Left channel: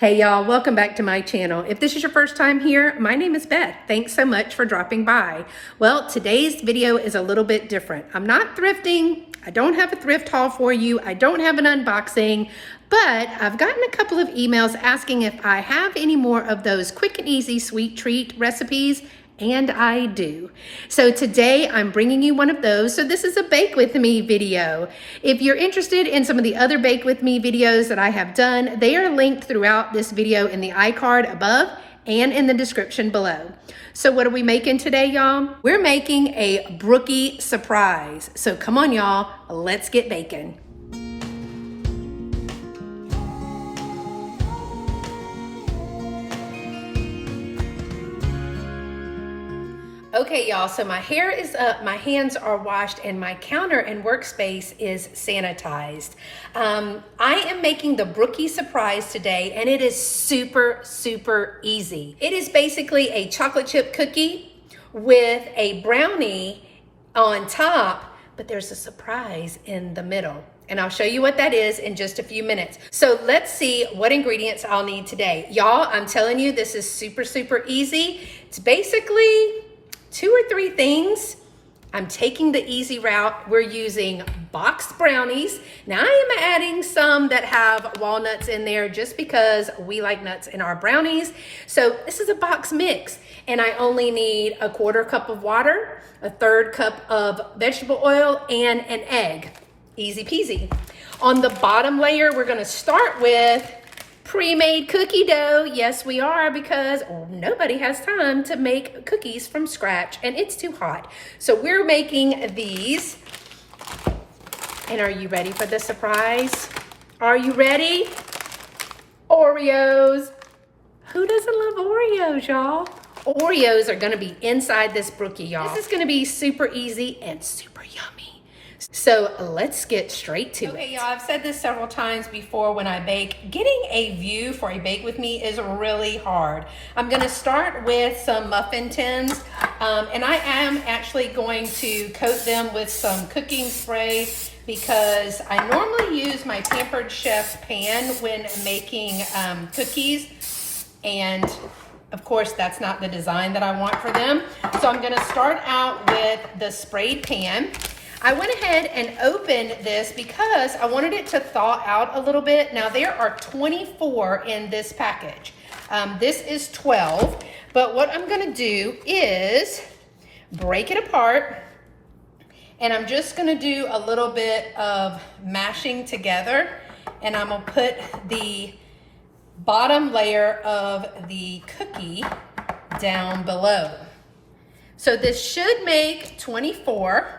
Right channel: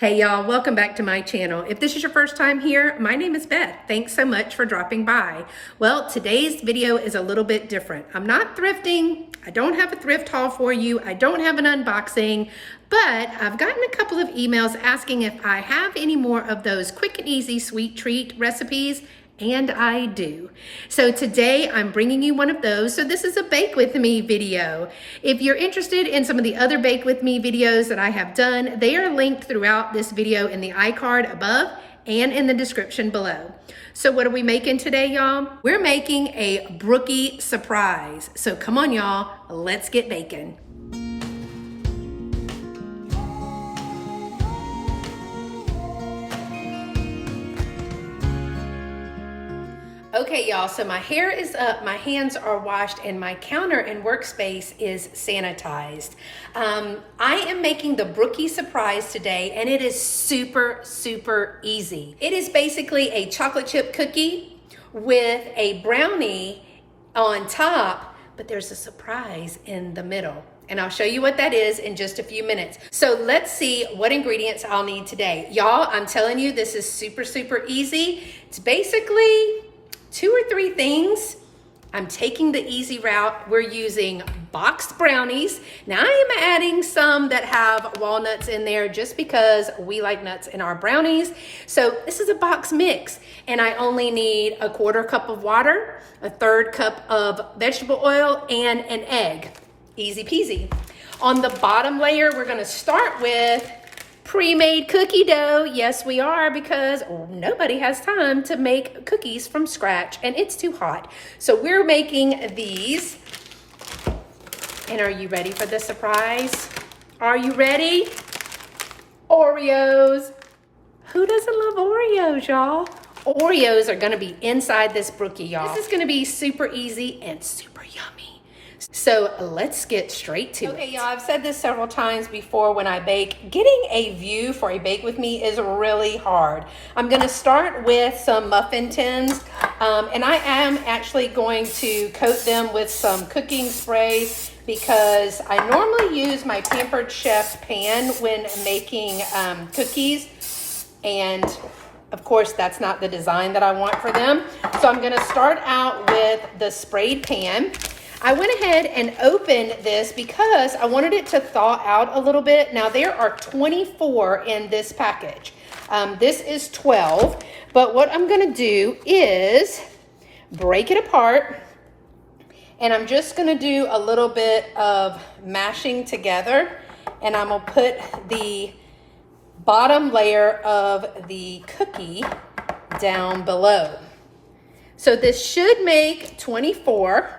Hey y'all, welcome back to my channel. If this is your first time here, my name is Beth. Thanks so much for dropping by. Well, today's video is a little bit different. I'm not thrifting. I don't have a thrift haul for you. I don't have an unboxing, but I've gotten a couple of emails asking if I have any more of those quick and easy sweet treat recipes. And I do. So today I'm bringing you one of those. So this is a bake with me video. If you're interested in some of the other bake with me videos that I have done, they are linked throughout this video in the iCard above and in the description below. So what are we making today, y'all? We're making a Brookie surprise. So come on, y'all, let's get baking. Okay, y'all, so my hair is up, my hands are washed, and my counter and workspace is sanitized. I am making the Brookie surprise today, and it is super, super easy. It is basically a chocolate chip cookie with a brownie on top, but there's a surprise in the middle. And I'll show you what that is in just a few minutes. So let's see what ingredients I'll need today. Y'all, I'm telling you, this is super, super easy. It's basically 2 or 3 things. I'm taking the easy route. We're using boxed brownies. Now I am adding some that have walnuts in there just because we like nuts in our brownies. So this is a box mix, and I only need a 1/4 cup of water, a 1/3 cup of vegetable oil, and an egg. Easy peasy. On the bottom layer, we're gonna start with pre-made cookie dough. Yes, we are, because nobody has time to make cookies from scratch and it's too hot. So we're making these. And are you ready for the surprise? Are you ready? Oreos. Who doesn't love Oreos, y'all? Oreos are gonna be inside this Brookie, y'all. This is gonna be super easy and super yummy. So let's get straight to it. Okay, y'all, I've said this several times before when I bake. Getting a view for a bake with me is really hard. I'm gonna start with some muffin tins, and I am actually going to coat them with some cooking spray because I normally use my Pampered Chef pan when making cookies, and of course that's not the design that I want for them. So I'm gonna start out with the sprayed pan. I went ahead and opened this because I wanted it to thaw out a little bit. Now there are 24 in this package. This is 12, but what I'm gonna do is break it apart, and I'm just gonna do a little bit of mashing together, and I'm gonna put the bottom layer of the cookie down below. So this should make 24.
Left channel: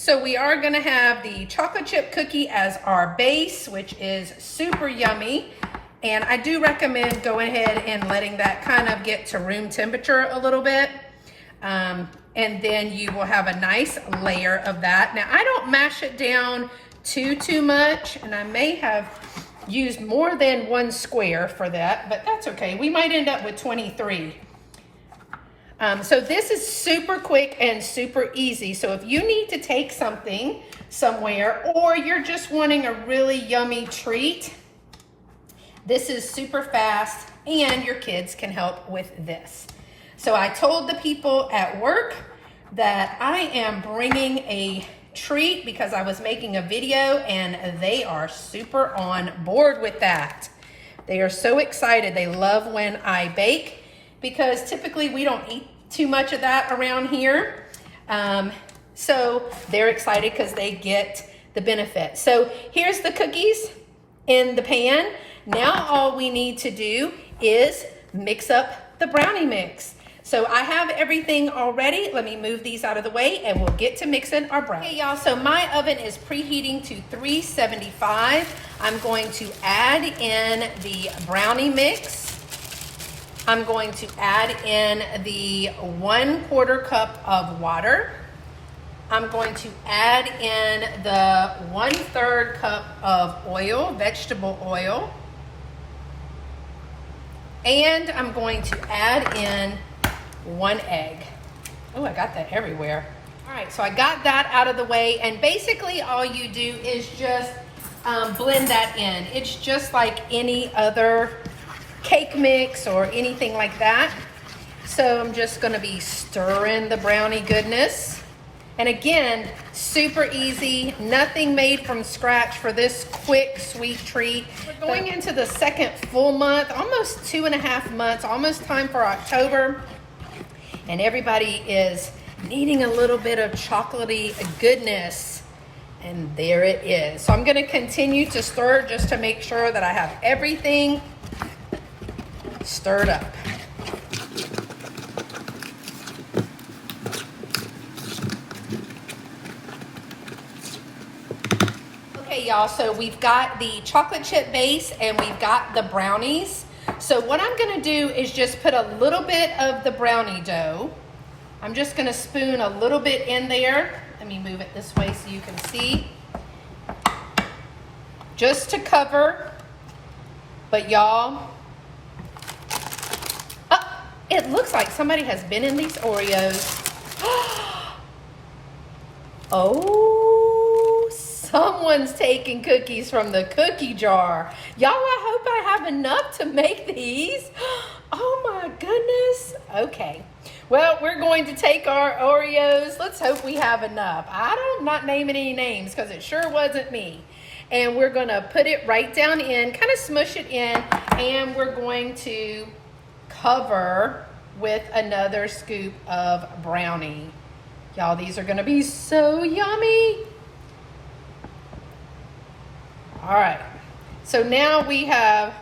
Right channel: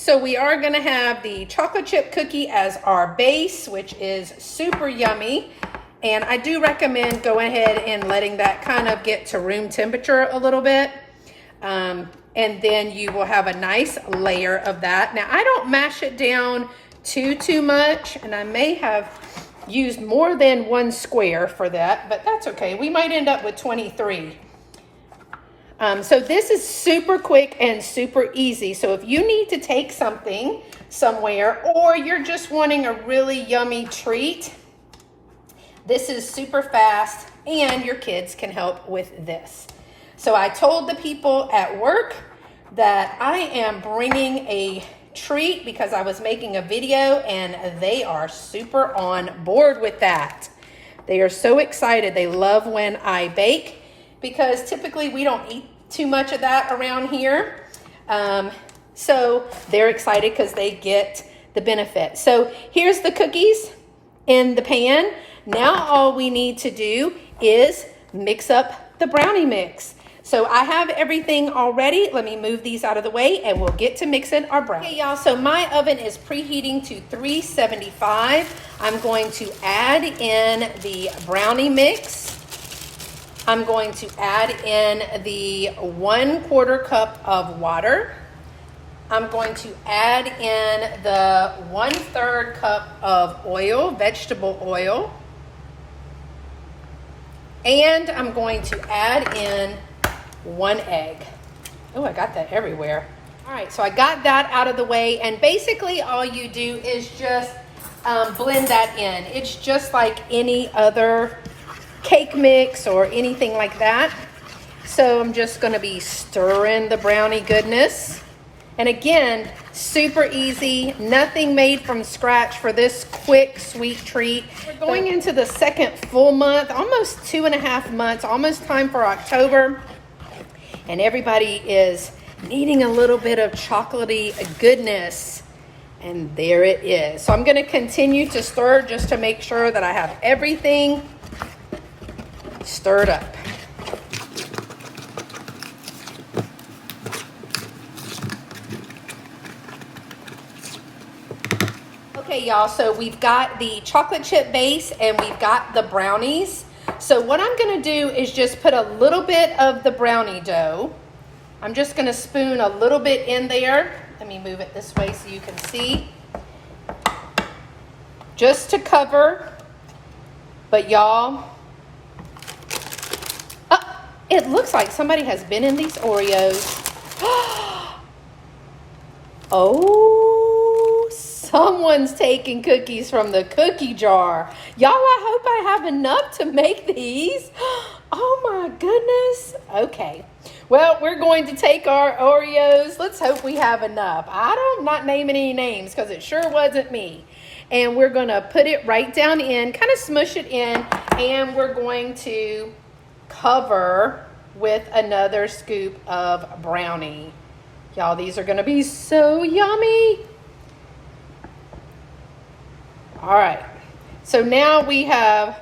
So we are gonna have the chocolate chip cookie as our base, which is super yummy. And I do recommend going ahead and letting that kind of get to room temperature a little bit. And then you will have a nice layer of that. Now I don't mash it down too much, and I may have used more than 1 square for that, but that's okay. We might end up with 23. So this is super quick and super easy. So if you need to take something somewhere, or you're just wanting a really yummy treat, this is super fast, and your kids can help with this. So I told the people at work that I am bringing a treat because I was making a video, and they are super on board with that. They are so excited. They love when I bake, because typically we don't eat too much of that around here. So they're excited because they get the benefit. So here's the cookies in the pan. Now all we need to do is mix up the brownie mix. So I have everything already. Let me move these out of the way, and we'll get to mixing our brownie. Okay, y'all, so my oven is preheating to 375. I'm going to add in the brownie mix. I'm going to add in the 1/4 cup of water. I'm going to add in the 1/3 cup of oil, vegetable oil. And I'm going to add in 1 egg. Oh, I got that everywhere. All right, so I got that out of the way. And basically all you do is just blend that in. It's just like any other cake mix or anything like that. So I'm just going to be stirring the brownie goodness. And again, super easy, nothing made from scratch for this quick sweet treat. We're going into the second full month, almost 2.5 months, almost time for October. And everybody is needing a little bit of chocolatey goodness. And there it is. So I'm going to continue to stir just to make sure that I have everything stirred up. Okay, y'all, so we've got the chocolate chip base and we've got the brownies. So what I'm going to do is just put a little bit of the brownie dough. I'm just going to spoon a little bit in there. Let me move it this way so you can see. Just to cover. But y'all, it looks like somebody has been in these Oreos. Oh, someone's taking cookies from the cookie jar. Y'all, I hope I have enough to make these. Oh my goodness. Okay. Well, we're going to take our Oreos. Let's hope we have enough. I'm not naming any names because it sure wasn't me. And we're going to put it right down in, kind of smush it in, and we're going to cover with another scoop of brownie. Y'all, these are going to be so yummy. All right. So now we have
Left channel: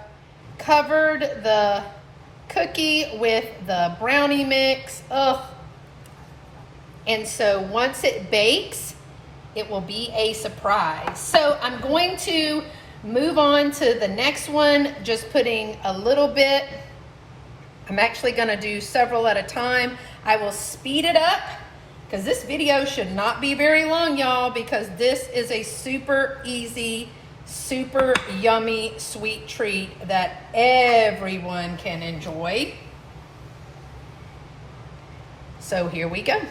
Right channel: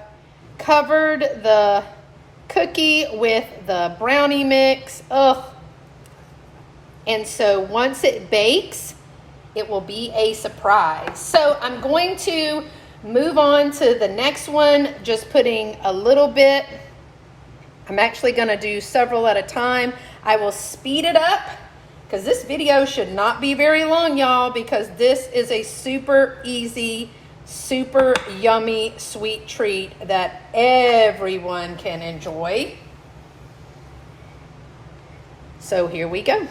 covered the cookie with the brownie mix. Ugh. And so once it bakes, it will be a surprise. So I'm going to move on to the next one, just putting a little bit. I'm actually going to do several at a time. I will speed it up because this video should not be very long, y'all, because this is a super easy, super yummy sweet treat that everyone can enjoy. So here we go.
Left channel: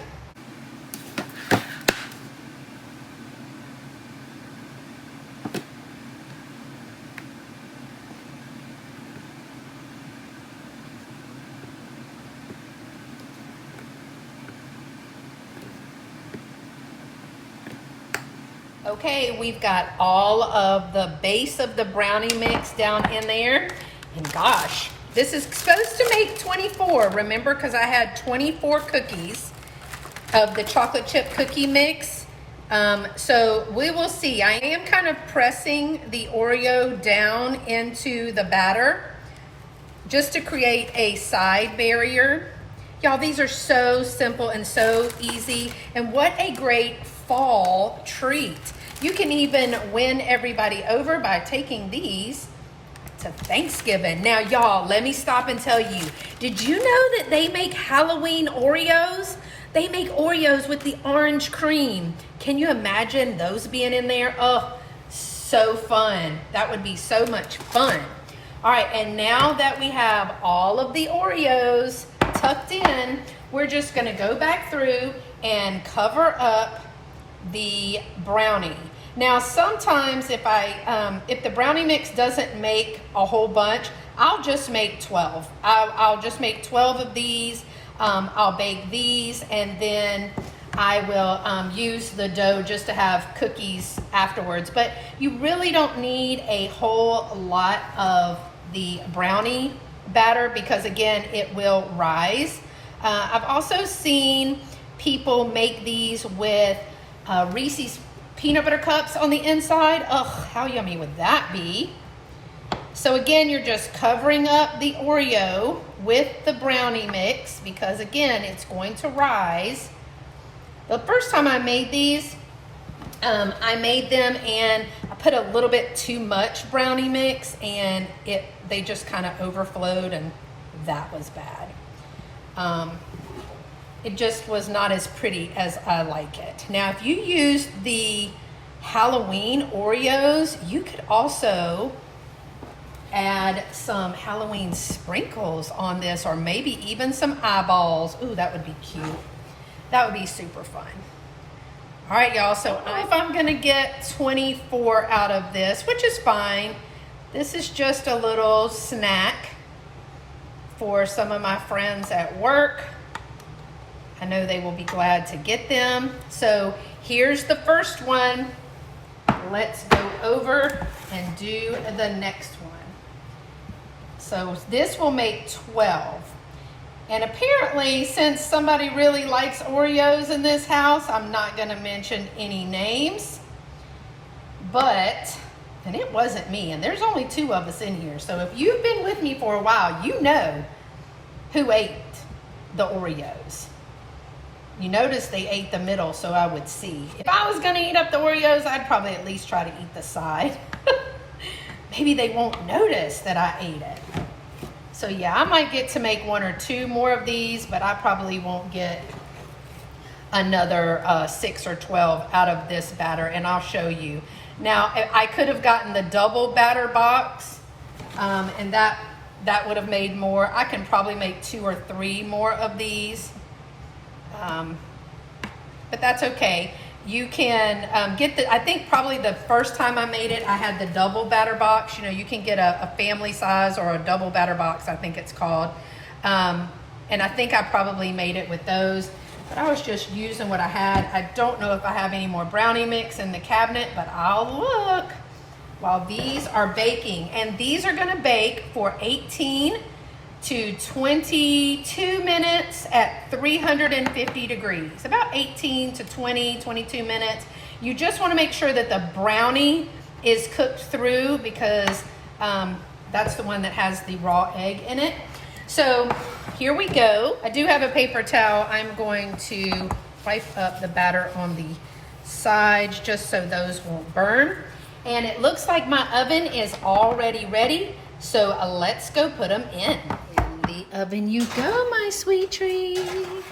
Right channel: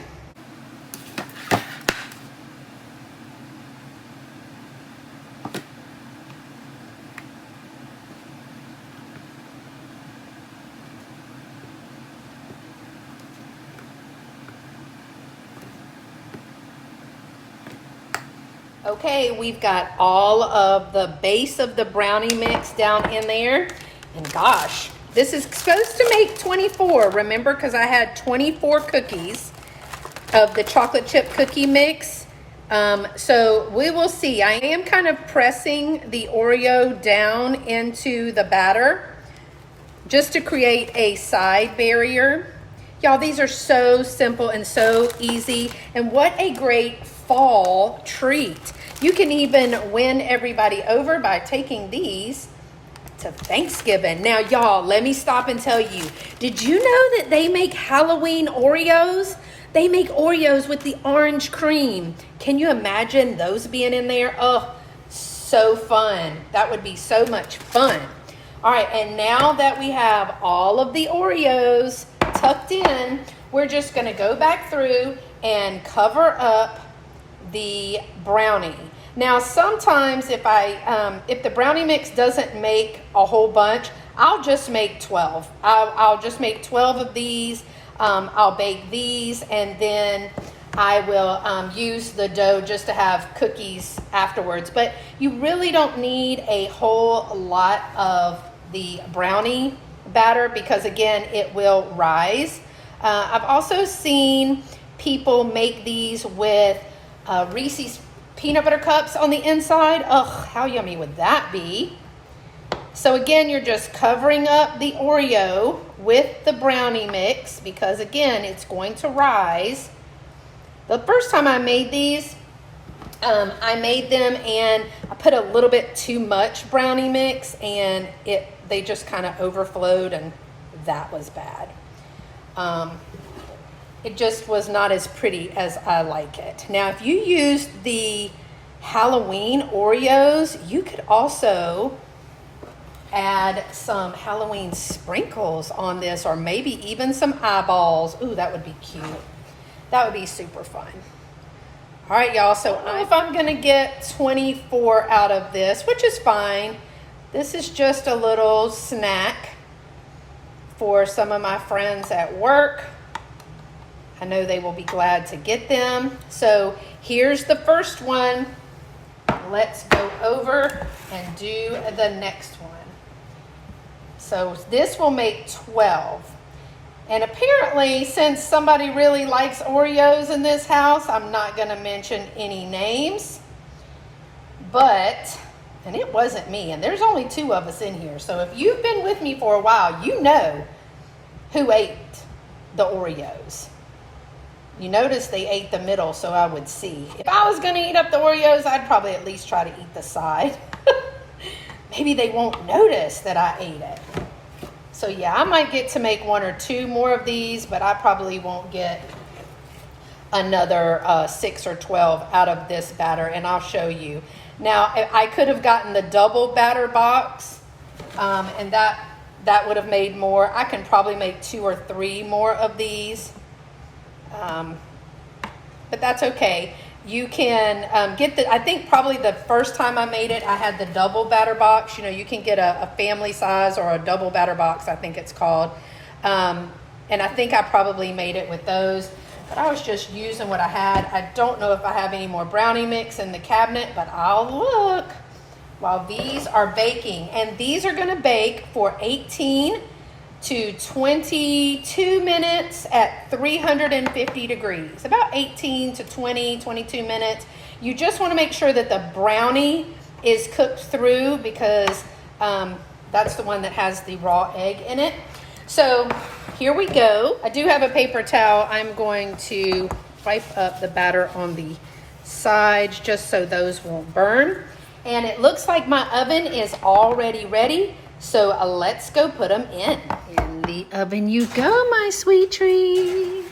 Okay, we've got all of the base of the brownie mix down in there. And gosh, this is supposed to make 24, remember, because I had 24 cookies of the chocolate chip cookie mix. So we will see. I am kind of pressing the Oreo down into the batter just to create a side barrier. Y'all, these are so simple and so easy. And what a great fall treat. You can even win everybody over by taking these to Thanksgiving. Now, y'all, let me stop and tell you, did you know that they make Halloween Oreos? They make Oreos with the orange cream. Can you imagine those being in there? Oh, so fun. That would be so much fun. All right, and now that we have all of the Oreos tucked in, we're just gonna go back through and cover up the brownie. Now, sometimes if the brownie mix doesn't make a whole bunch, I'll just make 12. I'll just make 12 of these. I'll bake these, and then I will use the dough just to have cookies afterwards. But you really don't need a whole lot of the brownie batter because, again, it will rise. I've also seen people make these with Reese's peanut butter cups on the inside. Ugh, how yummy would that be? So again, you're just covering up the Oreo with the brownie mix because, again, it's going to rise. The first time I made these, I made them and I put a little bit too much brownie mix and they just kind of overflowed, and that was bad. It just was not as pretty as I like it. Now, if you used the Halloween Oreos, you could also add some Halloween sprinkles on this, or maybe even some eyeballs. Ooh, that would be cute. That would be super fun. All right, y'all, so I don't know if I'm gonna get 24 out of this, which is fine. This is just a little snack for some of my friends at work. I know they will be glad to get them. So here's the first one. Let's go over and do the next one. So this will make 12. And apparently, since somebody really likes Oreos in this house, I'm not going to mention any names. But, and it wasn't me, and there's only 2 of us in here. So if you've been with me for a while, you know who ate the Oreos. You notice they ate the middle, so I would see. If I was going to eat up the Oreos, I'd probably at least try to eat the side. Maybe they won't notice that I ate it. So yeah, I might get to make 1 or 2 more of these, but I probably won't get another 6 or 12 out of this batter, and I'll show you. Now, I could have gotten the double batter box, and that would have made more. I can probably make 2 or 3 more of these, but that's okay. You can get the, I think probably the first time I made it, I had the double batter box. You know, you can get a family size or a double batter box, I think it's called. And I think I probably made it with those, but I was just using what I had. I don't know if I have any more brownie mix in the cabinet, but I'll look while these are baking. And these are gonna bake for 18 to 22 minutes at 350 degrees, about 18 to 20, 22 minutes. You just want to make sure that the brownie is cooked through, because that's the one that has the raw egg in it. So here we go. I do have a paper towel. I'm going to wipe up the batter on the sides just so those won't burn. And it looks like my oven is already ready. So let's go put them in. In the oven you go, my sweet tree.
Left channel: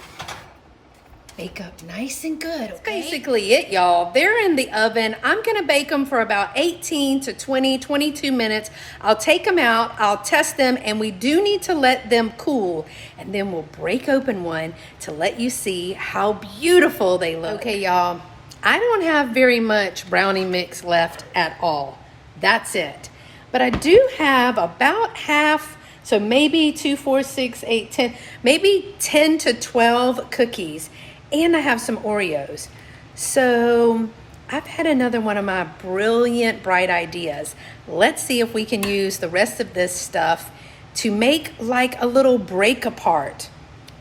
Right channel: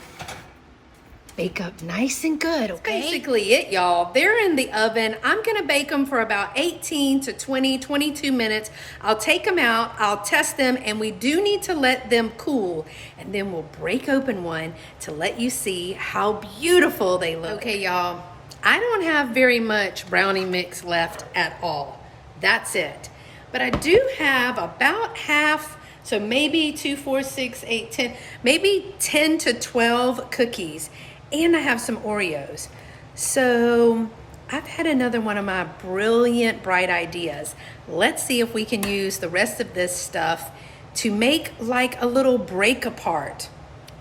Bake up nice and good, okay? That's basically it, y'all. They're in the oven. I'm gonna bake them for about 18 to 20, 22 minutes. I'll take them out, I'll test them, and we do need to let them cool. And then we'll break open one to let you see how beautiful they look. Okay, y'all, I don't have very much brownie mix left at all. That's it. But I do have about half, so maybe 2, 4, 6, 8, 10, maybe 10 to 12 cookies. And I have some Oreos. So I've had another one of my brilliant, bright ideas. Let's see if we can use the rest of this stuff to make like a little break apart.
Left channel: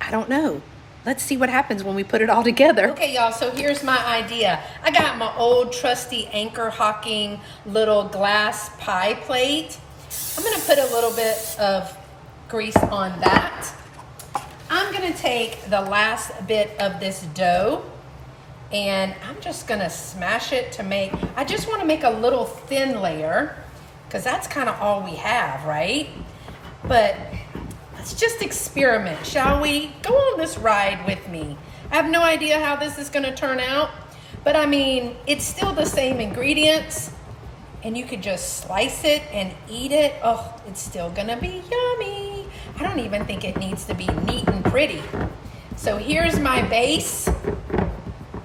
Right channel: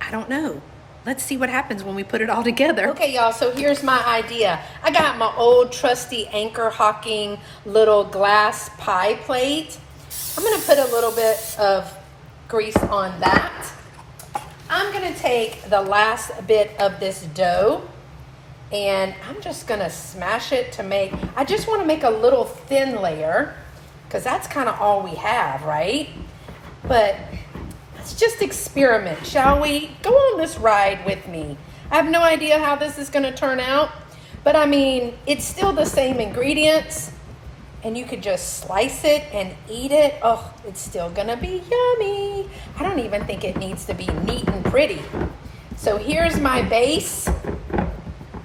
I don't know. Let's see what happens when we put it all together. Okay, y'all, so here's my idea. I got my old trusty Anchor Hocking little glass pie plate. I'm gonna put a little bit of grease on that. I'm gonna take the last bit of this dough and I'm just gonna smash it to make, I just wanna make a little thin layer because that's kind of all we have, right? But let's just experiment, shall we? Go on this ride with me. I have no idea how this is gonna turn out, but I mean, it's still the same ingredients and you could just slice it and eat it. Oh, it's still gonna be yummy. I don't even think it needs to be neat and pretty. So here's my base,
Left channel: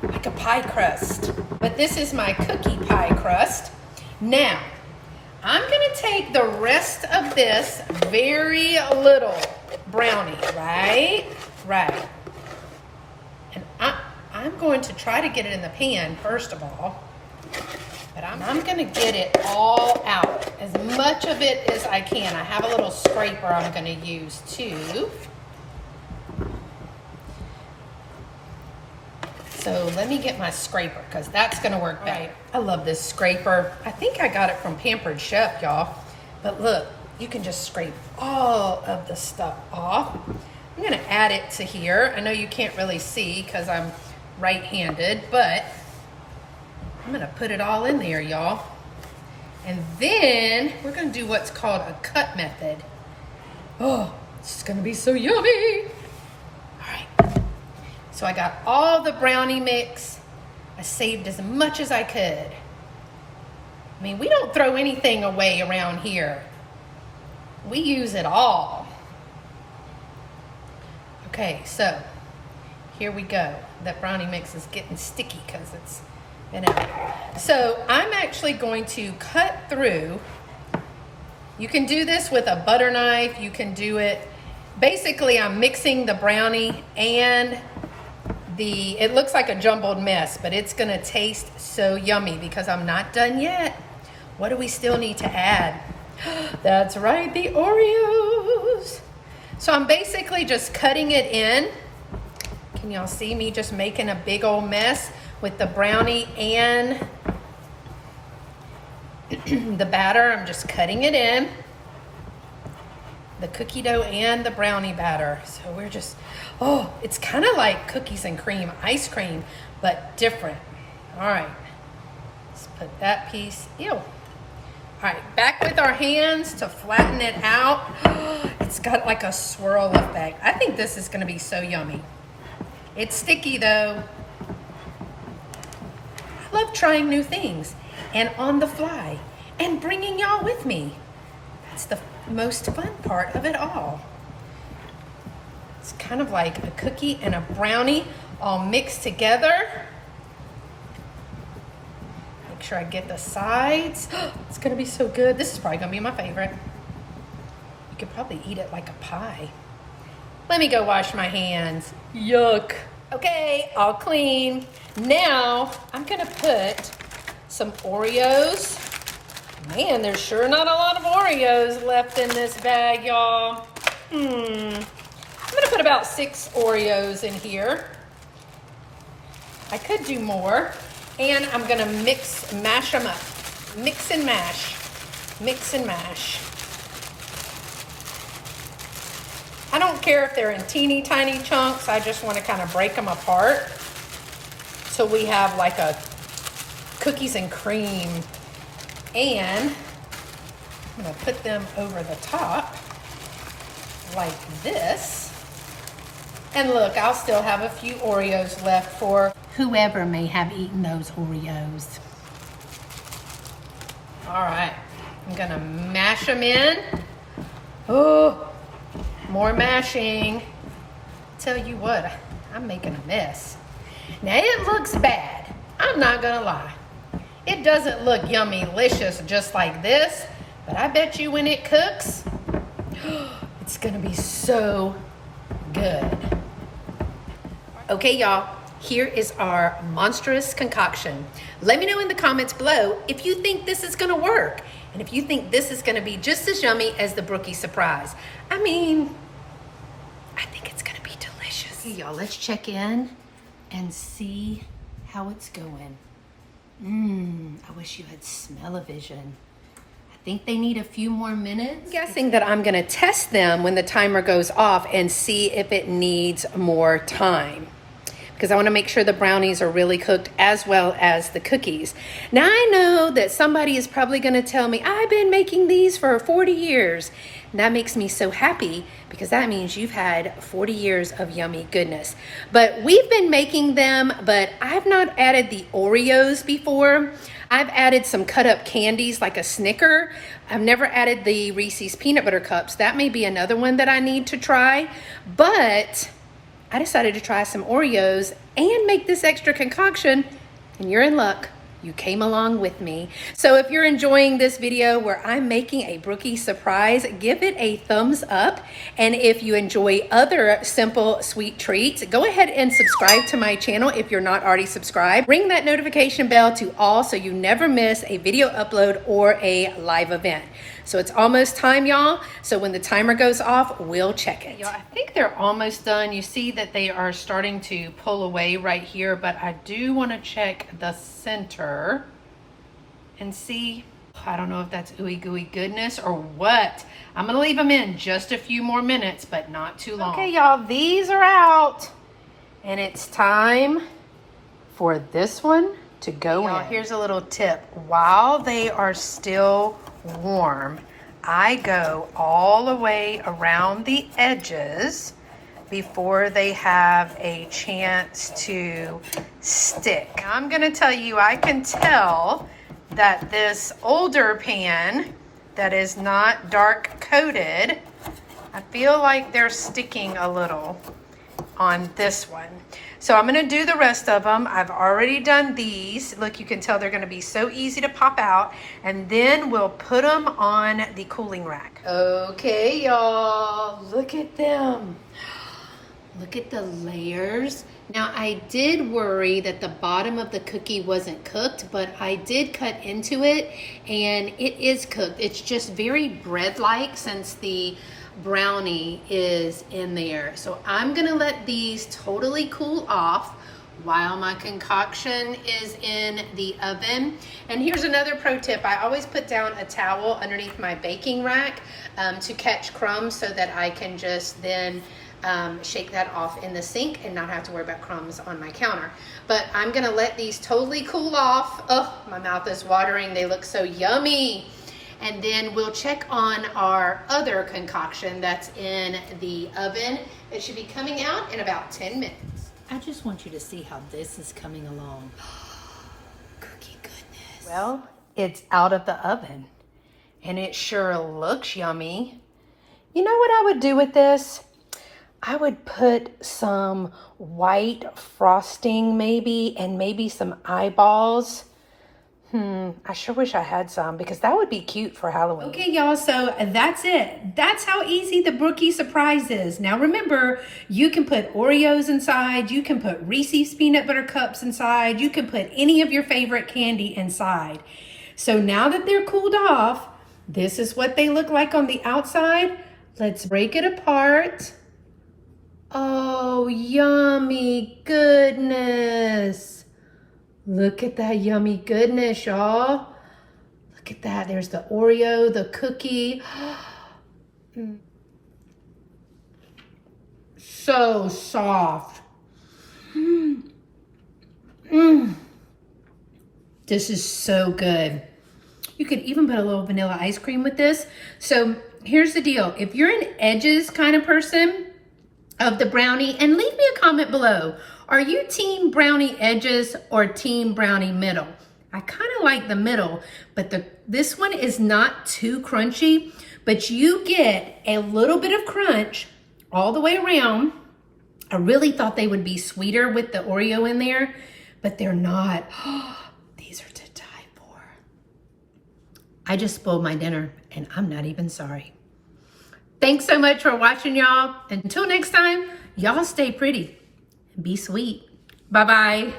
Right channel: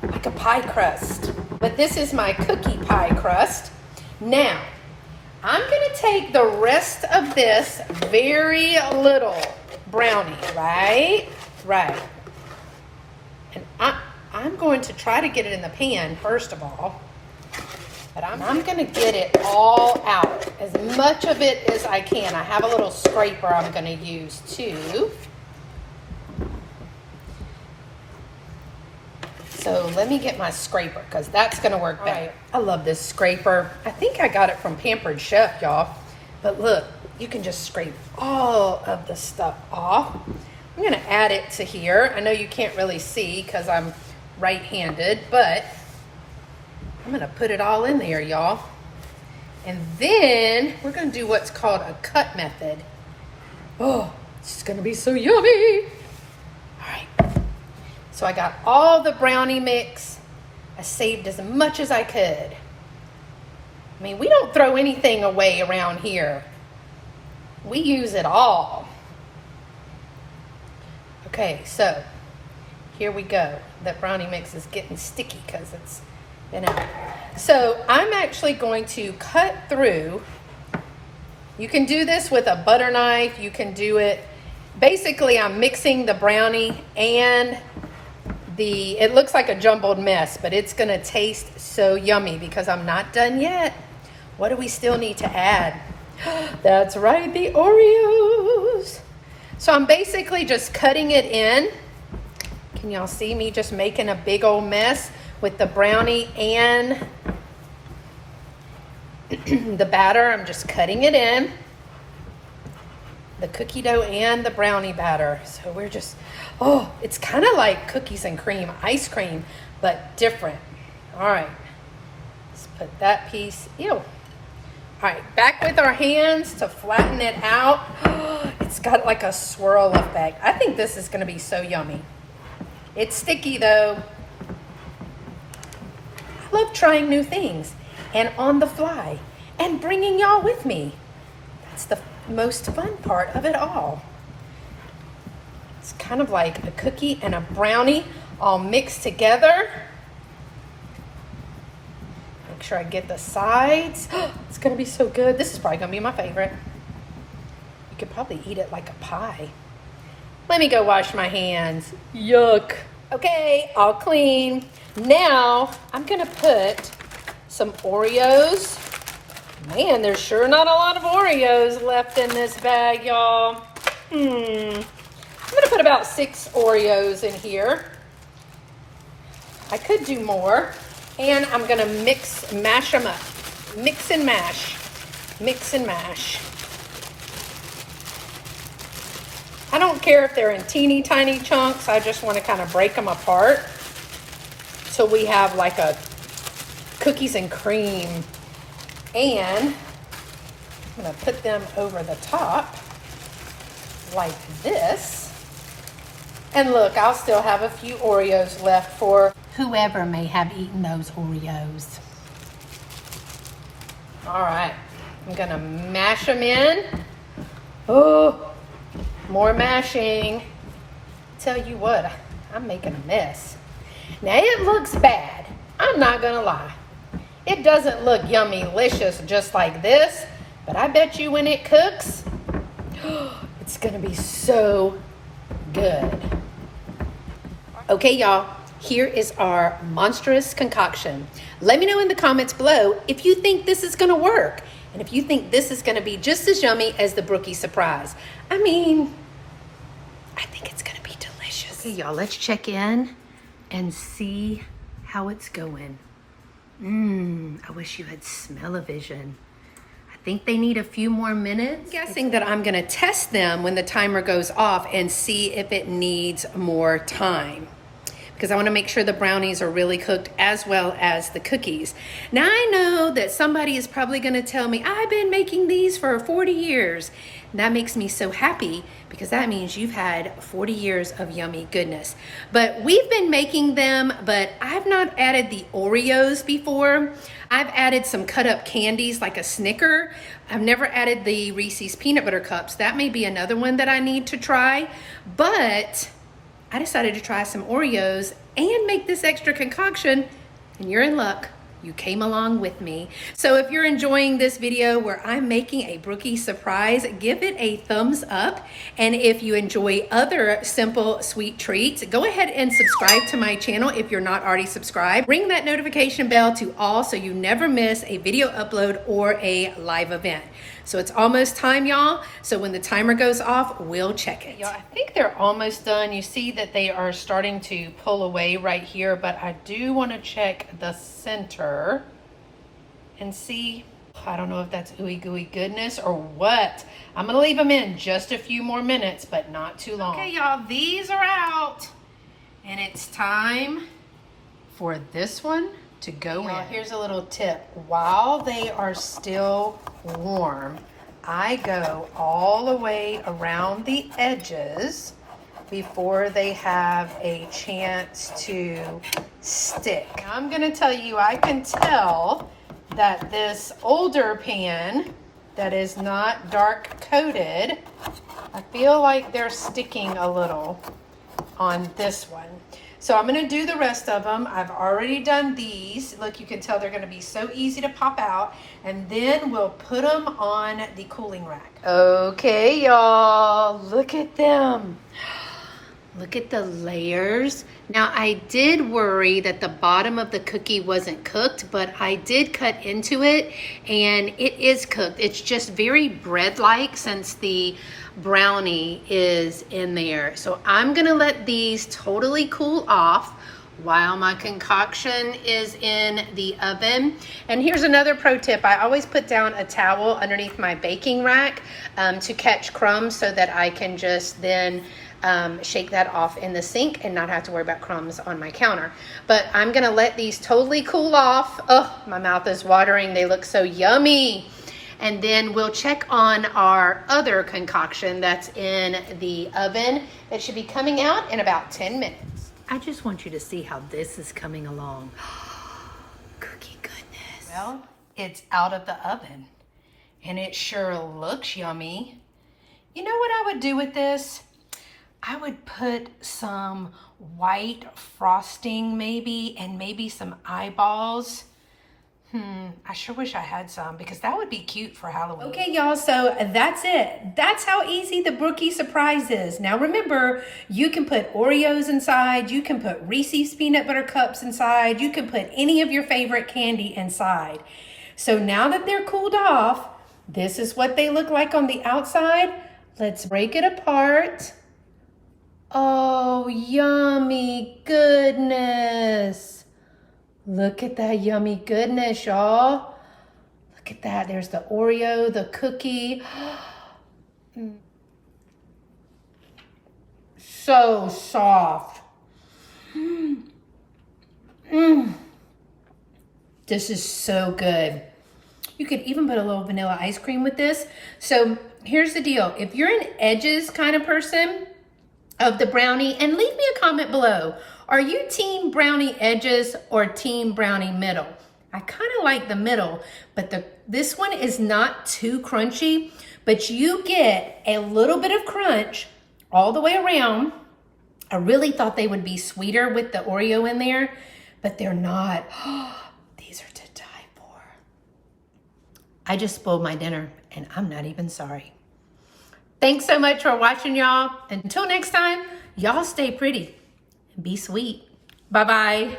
like a pie crust. But this is my cookie pie crust. Now, I'm gonna take the rest of this very little brownie, right? Right. And I'm going to try to get it in the pan, first of all. But I'm gonna get it all out, as much of it as I can. I have a little scraper I'm gonna use too. So let me get my scraper, because that's gonna work better. Right. I love this scraper. I think I got it from Pampered Chef, y'all. But look, you can just scrape all of the stuff off. I'm gonna add it to here. I know you can't really see because I'm right-handed, but I'm gonna put it all in there, y'all. And then we're gonna do what's called a cut method. Oh, this is gonna be so yummy. All right, so I got all the brownie mix. I saved as much as I could. I mean, we don't throw anything away around here. We use it all. Okay, so here we go. That brownie mix is getting sticky because it's been out. So I'm actually going to cut through. You can do this with a butter knife. You can do it, basically I'm mixing the brownie and it looks like a jumbled mess, but it's gonna taste so yummy because I'm not done yet. What do we still need to add? That's right, the Oreos. So I'm basically just cutting it in. Can y'all see me just making a big old mess with the brownie and the batter? I'm just cutting it in. The cookie dough and the brownie batter. So we're just, oh, it's kind of like cookies and cream, ice cream, but different. All right, let's put that piece, ew. All right, back with our hands to flatten it out. It's got like a swirl effect. I think this is gonna be so yummy. It's sticky though. I love trying new things and on the fly and bringing y'all with me. That's the most fun part of it all. It's kind of like a cookie and a brownie all mixed together. Make sure I get the sides. It's gonna be so good. This is probably gonna be my favorite. You could probably eat it like a pie. Let me go wash my hands. Yuck. Okay, all clean. Now I'm gonna put some Oreos. Man, there's sure not a lot of Oreos left in this bag, y'all. I'm gonna put about 6 Oreos in here. I could do more. And I'm gonna mash them up. Mix and mash. Mix and mash. I don't care if they're in teeny tiny chunks. I just wanna kind of break them apart. So we have like a cookies and cream. And I'm gonna put them over the top like this. And look, I'll still have a few Oreos left for whoever may have eaten those Oreos. All right, I'm gonna mash them in. Oh, more mashing. Tell you what, I'm making a mess. Now it looks bad, I'm not gonna lie. It doesn't look yummy-licious just like this, but I bet you when it cooks, it's gonna be so good. Okay, y'all, here is our monstrous concoction. Let me know in the comments below if you think this is gonna work, and if you think this is gonna be just as yummy as the Brookie Suprise. I mean, I think it's gonna be delicious. Okay, y'all, let's check in and see how it's going. I wish you had smell-o-vision. I think they need a few more minutes. I'm guessing that I'm gonna test them when the timer goes off and see if it needs more time, because I wanna make sure the brownies are really cooked as well as the cookies. Now I know that somebody is probably gonna tell me, I've been making these for 40 years. And that makes me so happy, because that means you've had 40 years of yummy goodness. But we've been making them, but I've not added the Oreos before. I've added some cut up candies like a Snicker. I've never added the Reese's peanut butter cups. That may be another one that I need to try. But I decided to try some Oreos and make this extra concoction, and you're in luck. You came along with me. So if you're enjoying this video where I'm making a Brookie Suprise, give it a thumbs up. And if you enjoy other simple sweet treats, go ahead and subscribe to my channel if you're not already subscribed. Ring that notification bell to all so you never miss a video upload or a live event. So it's almost time, y'all. So when the timer goes off, we'll check it. Y'all, I think they're almost done. You see that they are starting to pull away right here, but I do want to check the center and see. I don't know if that's ooey gooey goodness or what. I'm gonna leave them in just a few more minutes, but not too long. Okay, y'all, these are out, and it's time for this one to go in. Here's a little tip. While they are still warm, I go all the way around the edges before they have a chance to stick. Now, I'm gonna tell you, I can tell that this older pan that is not dark coated, I feel like they're sticking a little on this one. So I'm gonna do the rest of them. I've already done these. Look, you can tell they're gonna be so easy to pop out. And then we'll put them on the cooling rack. Okay, y'all, look at them. Look at the layers. Now, I did worry that the bottom of the cookie wasn't cooked, but I did cut into it and it is cooked. It's just very bread-like since the brownie is in there. So I'm gonna let these totally cool off while my concoction is in the oven. And here's another pro tip. I always put down a towel underneath my baking rack to catch crumbs so that I can just then shake that off in the sink and not have to worry about crumbs on my counter. But I'm gonna let these totally cool off. Oh, my mouth is watering. They look so yummy. And then we'll check on our other concoction that's in the oven. It should be coming out in about 10 minutes. I just want you to see how this is coming along. Cookie goodness. Well, it's out of the oven and it sure looks yummy. You know what I would do with this? I would put some white frosting maybe, and maybe some eyeballs. I sure wish I had some because that would be cute for Halloween. Okay, y'all, so that's it. That's how easy the Brookie Surprise is. Now remember, you can put Oreos inside, you can put Reese's peanut butter cups inside, you can put any of your favorite candy inside. So now that they're cooled off, this is what they look like on the outside. Let's break it apart. Oh, yummy goodness. Look at that yummy goodness, y'all. Look at that. There's the Oreo, the cookie. So soft. This is so good. You could even put a little vanilla ice cream with this. So here's the deal. If you're an edges kind of person of the brownie, and leave me a comment below. Are you team brownie edges or team brownie middle? I kind of like the middle, but this one is not too crunchy, but you get a little bit of crunch all the way around. I really thought they would be sweeter with the Oreo in there, but they're not. These are to die for. I just spoiled my dinner and I'm not even sorry. Thanks so much for watching, y'all. Until next time, y'all stay pretty and be sweet. Bye-bye.